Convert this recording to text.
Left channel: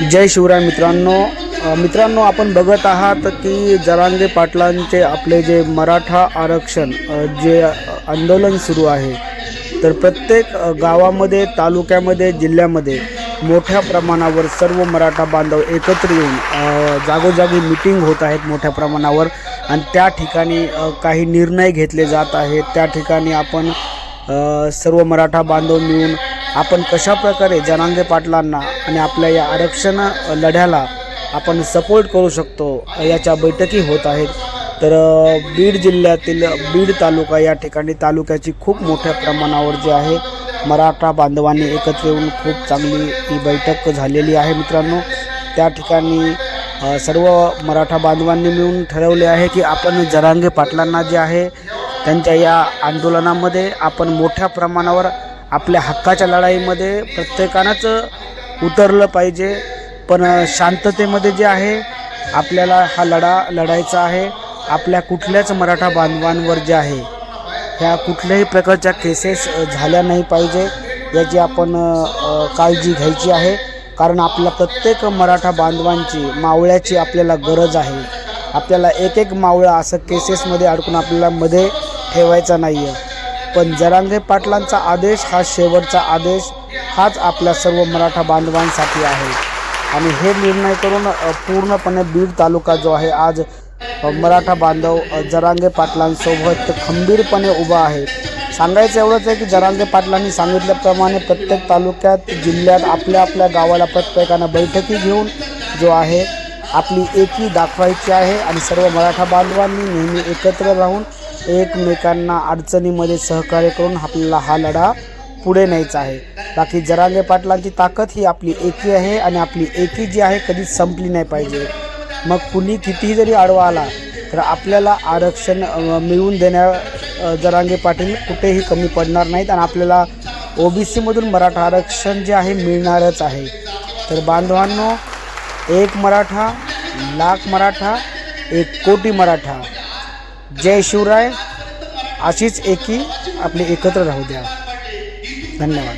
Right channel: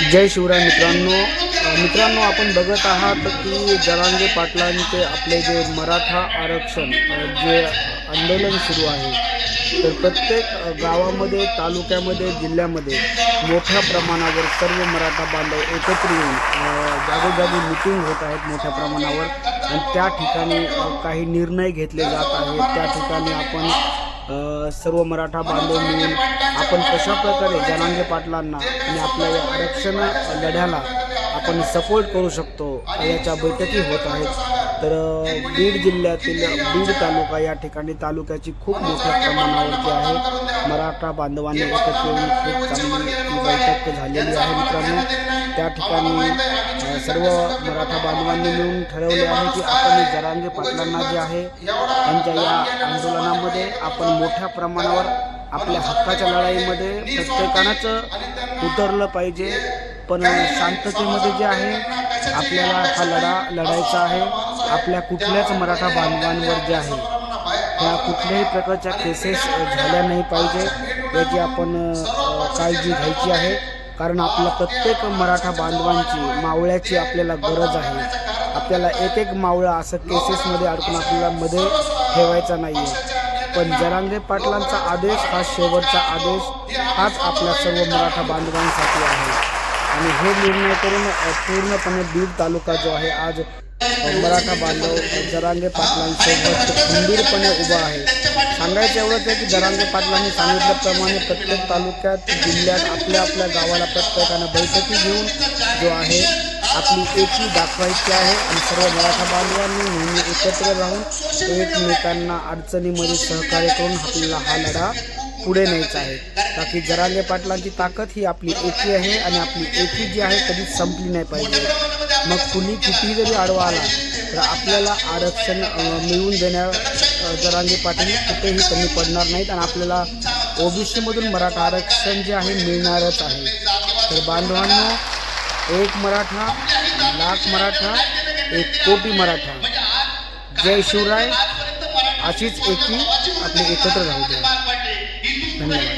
जय शिवराय मित्रांनो. मित्रांनो आपण बघत आहात की जरांगे पाटलांचे आपले जे मराठा आरक्षण जे आंदोलन सुरू आहे तर प्रत्येक गावामध्ये तालुक्यामध्ये जिल्ह्यामध्ये मोठ्या प्रमाणावर सर्व मराठा बांधव एकत्र येऊन जागोजागी मिटिंग होत आहेत मोठ्या प्रमाणावर. आणि त्या ठिकाणी काही निर्णय घेतले जात आहेत. त्या ठिकाणी आपण सर्व मराठा बांधव मिळून आपण कशाप्रकारे जनांगे पाटलांना आणि आपल्या या आरक्षण लढ्याला आपण सपोर्ट करू शकतो याच्या बैठकी होत आहेत. तर बीड जिल्ह्यातील बीड तालुका या ठिकाणी तालुक्याची खूप मोठ्या प्रमाणावर जी आहे मराठा बांधवांनी एकत्र येऊन खूप चांगली ही बैठक झालेली आहे मित्रांनो. त्या ठिकाणी सर्व मराठा बांधवांनी मिळून ठरवले आहे की आपण जरांगे पाटलांना जे आहे त्यांच्या या आंदोलनामध्ये आपण मोठ्या प्रमाणावर आपल्या हक्काच्या लढाईमध्ये प्रत्येकानंच उतरलं पाहिजे. पण शांततेमध्ये जे आहे आपल्याला हा लढा लढायचा आहे. आपल्या कुठल्याच मराठा बांधवांवर जे आहे ह्या कुठल्याही प्रकारच्या केसेस झाल्या नाही पाहिजे याची आपण काळजी घ्यायची आहे. कारण आपल्या प्रत्येक मराठा बांधवांची मावळ्याची आपल्याला गरज आहे. आपल्याला एक एक मावळा असं केसेसमध्ये अडकून आपल्याला मध्ये ठेवायचा नाही आहे पण जरांगे पाटलांचा आदेश हा शेवटचा आदेश हाच आपल्या सर्व मराठा बांधवांसाठी आहे. आणि हे निर्णय करून पूर्णपणे बीड तालुका जो आहे आज मराठा बांधव जरांगे पाटलांसोबत खंबीरपणे उभा आहे. सांगायचं एवढंच आहे की जरांगे पाटलांनी सांगितल्याप्रमाणे प्रत्येक तालुक्यात जिल्ह्यात आपल्या आपल्या गावाला प्रत्येकानं बैठकी घेऊन जो आहे आपली एकी दाखवायची आहे आणि सर्व मराठा बांधवांनी नेहमी एकत्र राहून एकमेकांना अडचणीमध्ये सहकार्य करून आपल्याला हा लढा पुढे न्यायचा आहे. बाकी जरांगे पाटलांची ताकद ही आपली एकी आहे आणि आपली एकी जी आहे कधीच संपली नाही पाहिजे. मग कुणी कितीही जरी आडवा आला तर आपल्याला आरक्षण मिळवून देण्या जरांगे पाटील कुठेही कमी पडणार नाहीत आणि आपल्याला ओबीसीमधून मराठा आरक्षण जे आहे मिळणारच आहे. तर बांधवांनो एक मराठा लाख मराठा एक कोटी मराठा. जय शिवराय. अशीच एकी आपली एकत्र राहू द्या. धन्यवाद.